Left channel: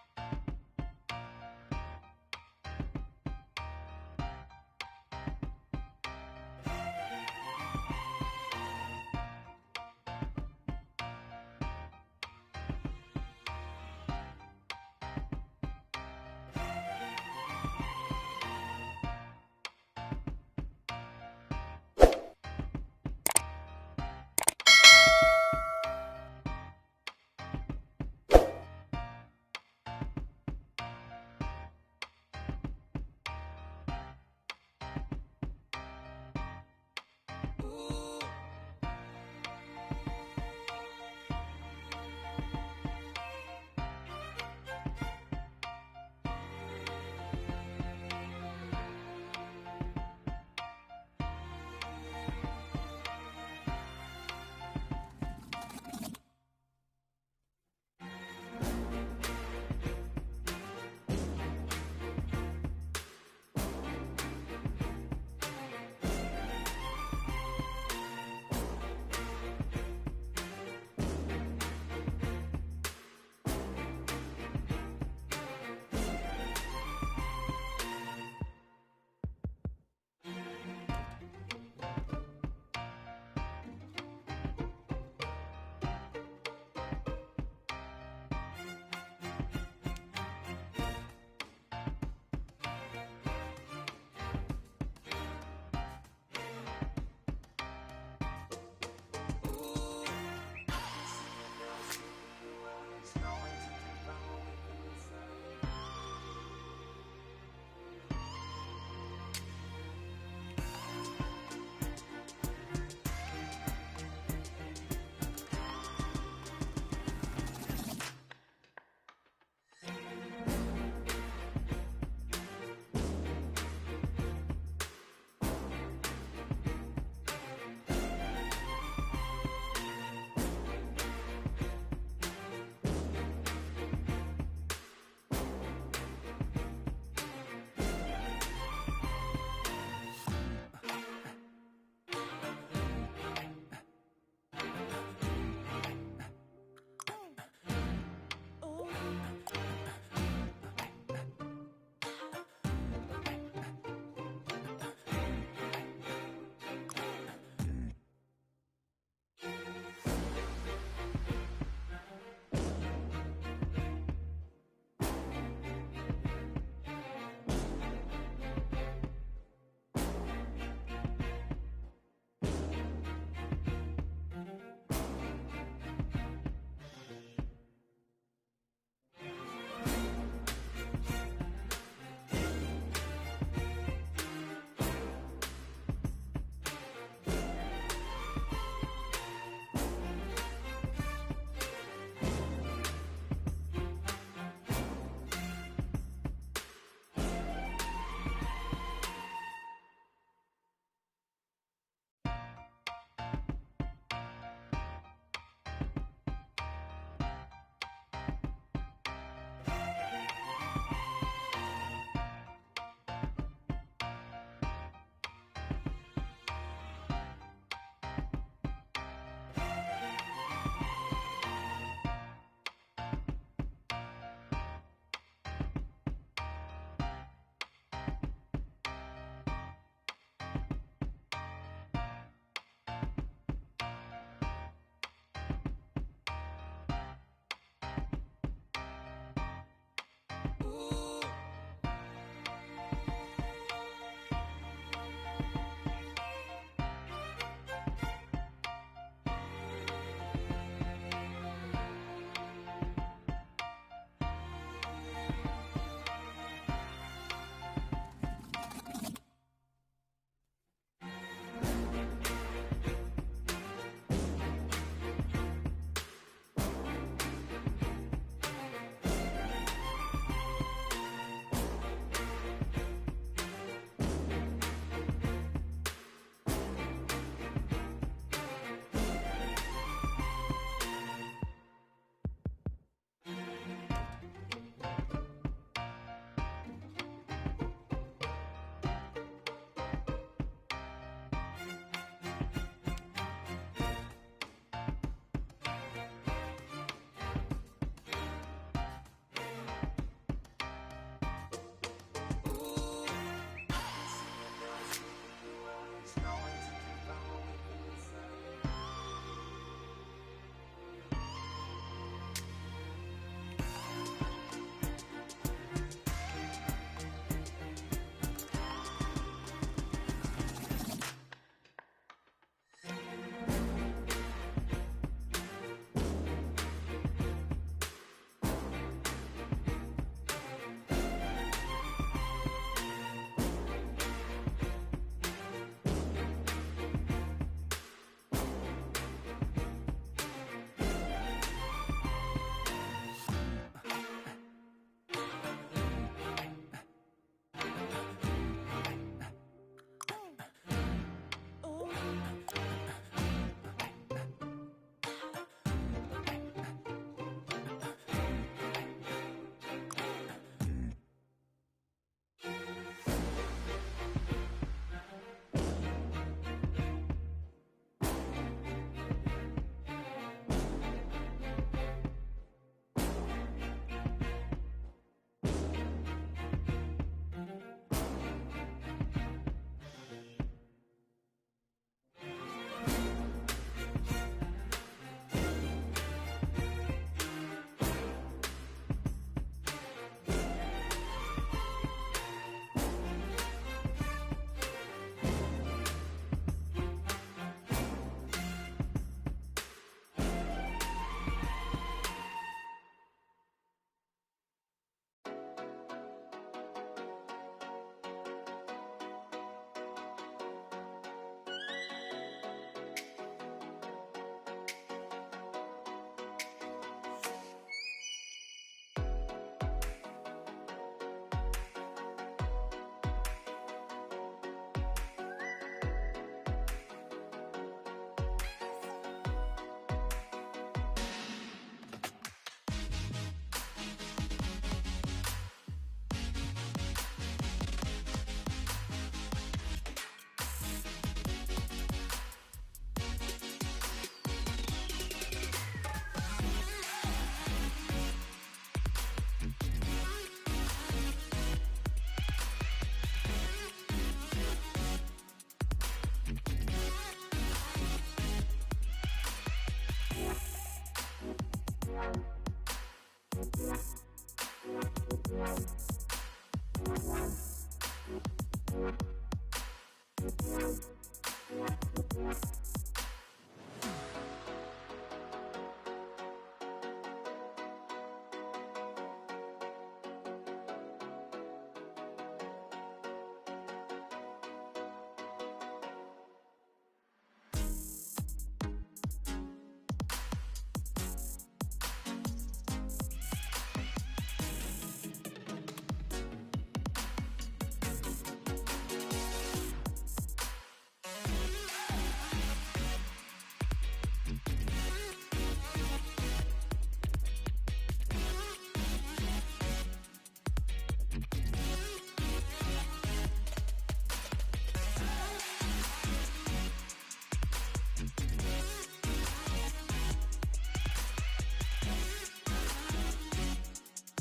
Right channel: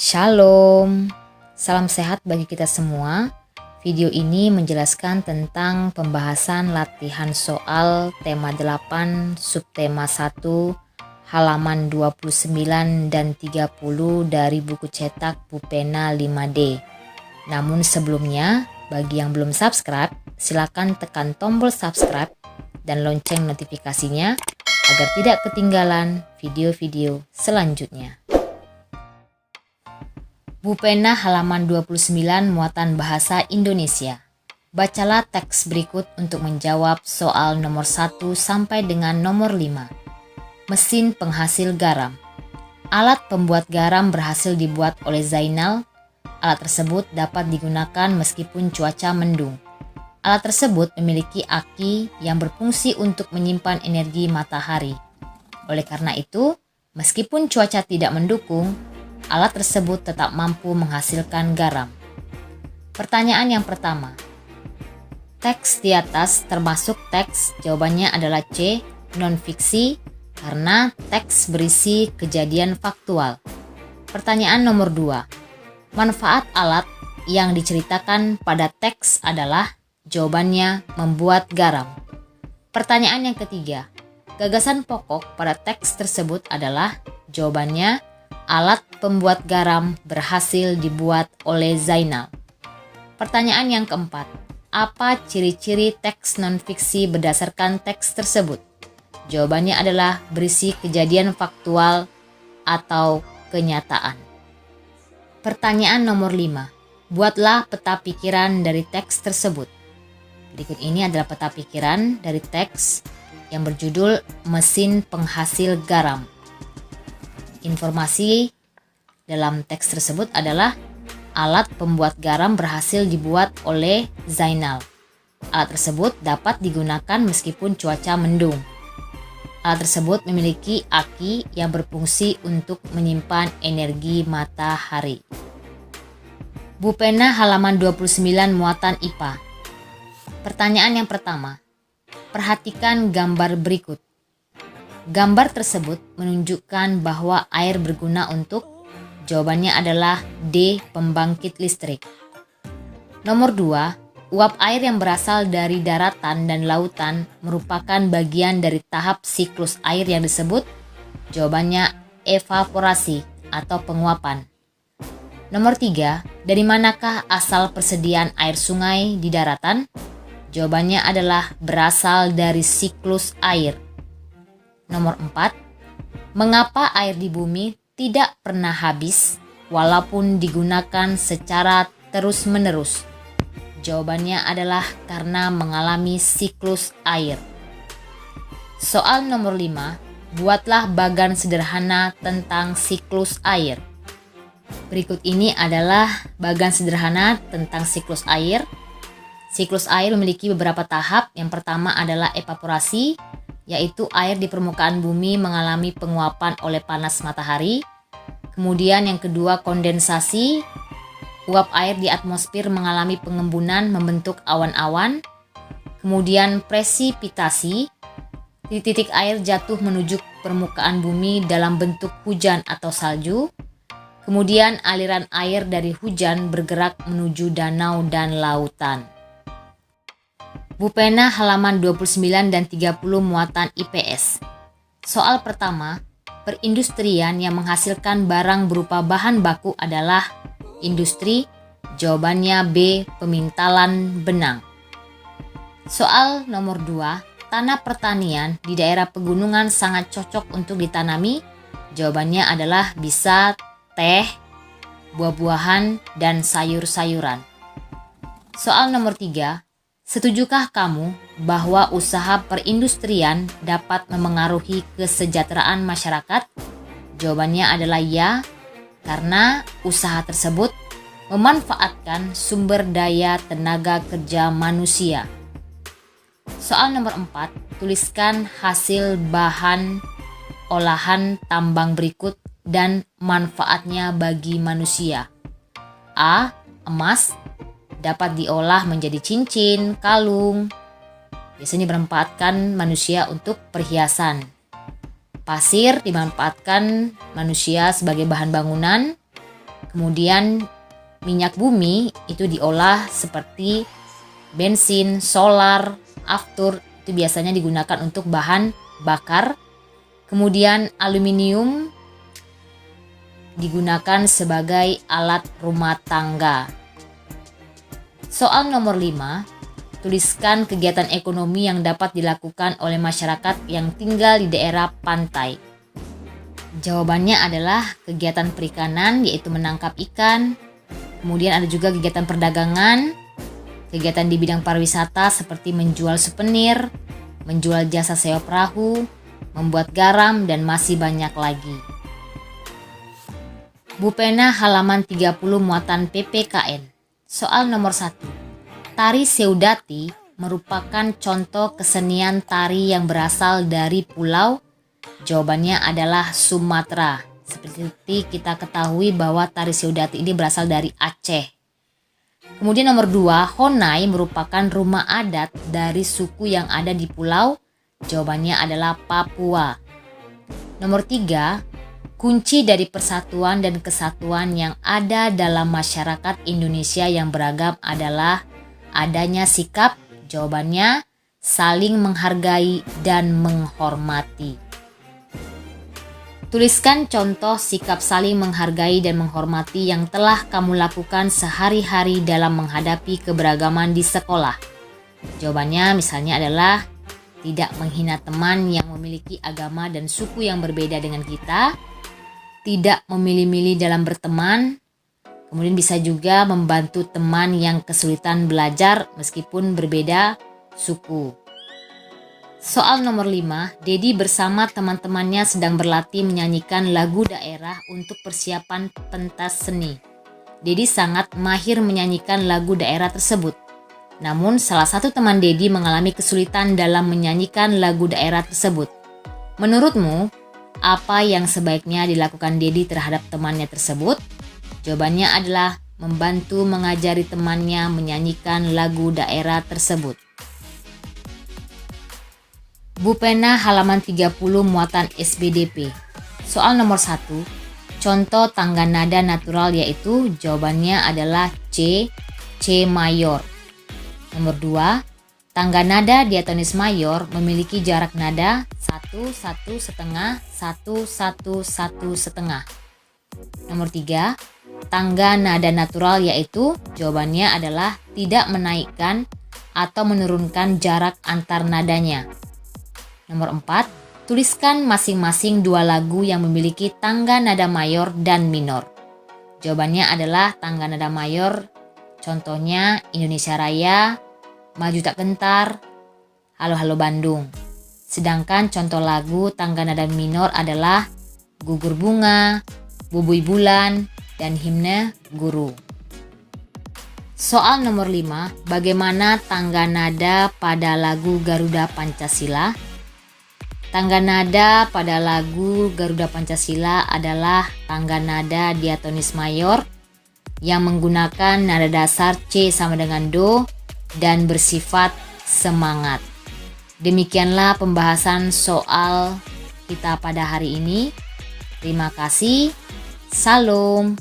Shalom, salam sehat bagi kita semua. Video ini menjelaskan tentang pembahasan latihan soal tema 8, subtema 1, halaman 29 dan 30 dari buku cetak Bupena 5D. Namun sebelumnya, bagi yang belum subscribe, silakan tekan tombol subscribe dan lonceng notifikasinya agar tidak ketinggalan video-video selanjutnya. Bupena halaman 29 muatan bahasa Indonesia. Bacalah teks berikut untuk menjawab soal nomor 1 sampai dengan nomor 5. Mesin penghasil garam. Alat pembuat garam berhasil dibuat oleh Zainal. Alat tersebut dapat digunakan meskipun cuaca mendung. Alat tersebut memiliki aki yang berfungsi untuk menyimpan energi matahari. Oleh karena itu, meskipun cuaca tidak mendukung, alat tersebut tetap mampu menghasilkan garam. Pertanyaan yang pertama. Teks di atas termasuk teks, jawabannya adalah C, non-fiksi, karena teks berisi kejadian faktual. Pertanyaan nomor 2. Manfaat alat yang diceritakan pada teks adalah, jawabannya membuat garam. Pertanyaan yang ketiga. Gagasan pokok pada teks tersebut adalah, jawabannya alat pembuat garam berhasil dibuat oleh Zainal. Pertanyaan yang keempat. Apa ciri-ciri teks non-fiksi berdasarkan teks tersebut? Jawabannya adalah berisi kejadian faktual atau kenyataan. Pertanyaan nomor 5. Buatlah peta pikiran dari teks tersebut. Berikut ini adalah peta pikiran dari teks yang berjudul Mesin Penghasil Garam. Informasi dalam teks tersebut adalah alat pembuat garam berhasil dibuat oleh Zainal. Alat tersebut dapat digunakan meskipun cuaca mendung. Alat tersebut memiliki aki yang berfungsi untuk menyimpan energi matahari. Bupena halaman 29 muatan IPA. Pertanyaan yang pertama. Perhatikan gambar berikut. Gambar tersebut menunjukkan bahwa air berguna untuk, jawabannya adalah D, pembangkit listrik. Nomor 2, uap air yang berasal dari daratan dan lautan merupakan bagian dari tahap siklus air yang disebut, jawabannya evaporasi atau penguapan. Nomor 3, dari manakah asal persediaan air sungai di daratan? Jawabannya adalah berasal dari siklus air. Nomor 4, mengapa air di bumi tidak pernah habis walaupun digunakan secara terus-menerus? Jawabannya adalah karena mengalami siklus air. Soal nomor 5, buatlah bagan sederhana tentang siklus air. Berikut ini adalah bagan sederhana tentang siklus air. Siklus air memiliki beberapa tahap. Yang pertama adalah evaporasi, yaitu air di permukaan bumi mengalami penguapan oleh panas matahari. Kemudian yang kedua kondensasi, uap air di atmosfer mengalami pengembunan membentuk awan-awan. Kemudian presipitasi, titik-titik air jatuh menuju permukaan bumi dalam bentuk hujan atau salju. Kemudian aliran air dari hujan bergerak menuju danau dan lautan. Bupena halaman 29 dan 30 muatan IPS. Soal pertama, perindustrian yang menghasilkan barang berupa bahan baku adalah industri, jawabannya B, pemintalan benang. Soal nomor 2, tanah pertanian di daerah pegunungan sangat cocok untuk ditanami, jawabannya adalah bisa teh, buah-buahan, dan sayur-sayuran. Soal nomor 3, setujukah kamu bahwa usaha perindustrian dapat memengaruhi kesejahteraan masyarakat? Jawabannya adalah ya, karena usaha tersebut memanfaatkan sumber daya tenaga kerja manusia. Soal nomor 4, tuliskan hasil bahan olahan tambang berikut dan manfaatnya bagi manusia. A. Emas dapat diolah menjadi cincin, kalung. Biasanya bermanfaatkan manusia untuk perhiasan. Pasir dimanfaatkan manusia sebagai bahan bangunan. Kemudian minyak bumi itu diolah seperti bensin, solar, aftur, itu biasanya digunakan untuk bahan bakar. Kemudian aluminium digunakan sebagai alat rumah tangga. Soal nomor 5, tuliskan kegiatan ekonomi yang dapat dilakukan oleh masyarakat yang tinggal di daerah pantai. Jawabannya adalah kegiatan perikanan, yaitu menangkap ikan. Kemudian ada juga kegiatan perdagangan, kegiatan di bidang pariwisata seperti menjual souvenir, menjual jasa sewa perahu, membuat garam, dan masih banyak lagi. Bu Pena halaman 30 muatan PPKN. Soal nomor 1. Tari Seudati merupakan contoh kesenian tari yang berasal dari pulau. Jawabannya adalah Sumatera. Seperti kita ketahui bahwa tari Seudati ini berasal dari Aceh. Kemudian nomor 2, Honai merupakan rumah adat dari suku yang ada di pulau. Jawabannya adalah Papua. Nomor 3, kunci dari persatuan dan kesatuan yang ada dalam masyarakat Indonesia yang beragam adalah adanya sikap. Jawabannya saling menghargai dan menghormati. Tuliskan contoh sikap saling menghargai dan menghormati yang telah kamu lakukan sehari-hari dalam menghadapi keberagaman di sekolah. Jawabannya misalnya adalah tidak menghina teman yang memiliki agama dan suku yang berbeda dengan kita, tidak memilih-milih dalam berteman, kemudian bisa juga membantu teman yang kesulitan belajar meskipun berbeda suku. Soal nomor 5, Dedi bersama teman-temannya sedang berlatih menyanyikan lagu daerah untuk persiapan pentas seni. Dedi sangat mahir menyanyikan lagu daerah tersebut. Namun salah satu teman Dedi mengalami kesulitan dalam menyanyikan lagu daerah tersebut. Menurutmu, apa yang sebaiknya dilakukan Dedi terhadap temannya tersebut? Jawabannya adalah membantu mengajari temannya menyanyikan lagu daerah tersebut. Bu Pena halaman 30 muatan SBDP. Soal nomor 1, contoh tangga nada natural yaitu jawabannya adalah C mayor. Nomor 2, tangga nada diatonis mayor memiliki jarak nada 1, 1 setengah, 1, 1, 1 setengah. Nomor 3, tangga nada natural yaitu jawabannya adalah tidak menaikkan atau menurunkan jarak antar nadanya. Nomor 4, tuliskan masing-masing 2 lagu yang memiliki tangga nada mayor dan minor. Jawabannya adalah tangga nada mayor, contohnya Indonesia Raya, Maju Tak Gentar, Halo Halo Bandung. Sedangkan contoh lagu tangga nada minor adalah Gugur Bunga, Bubui Bulan, dan Himne Guru. Soal nomor 5, bagaimana tangga nada pada lagu Garuda Pancasila? Tangga nada pada lagu Garuda Pancasila adalah tangga nada diatonis mayor yang menggunakan nada dasar C sama dengan Do dan bersifat semangat. Demikianlah pembahasan soal kita pada hari ini. Terima kasih. Salam.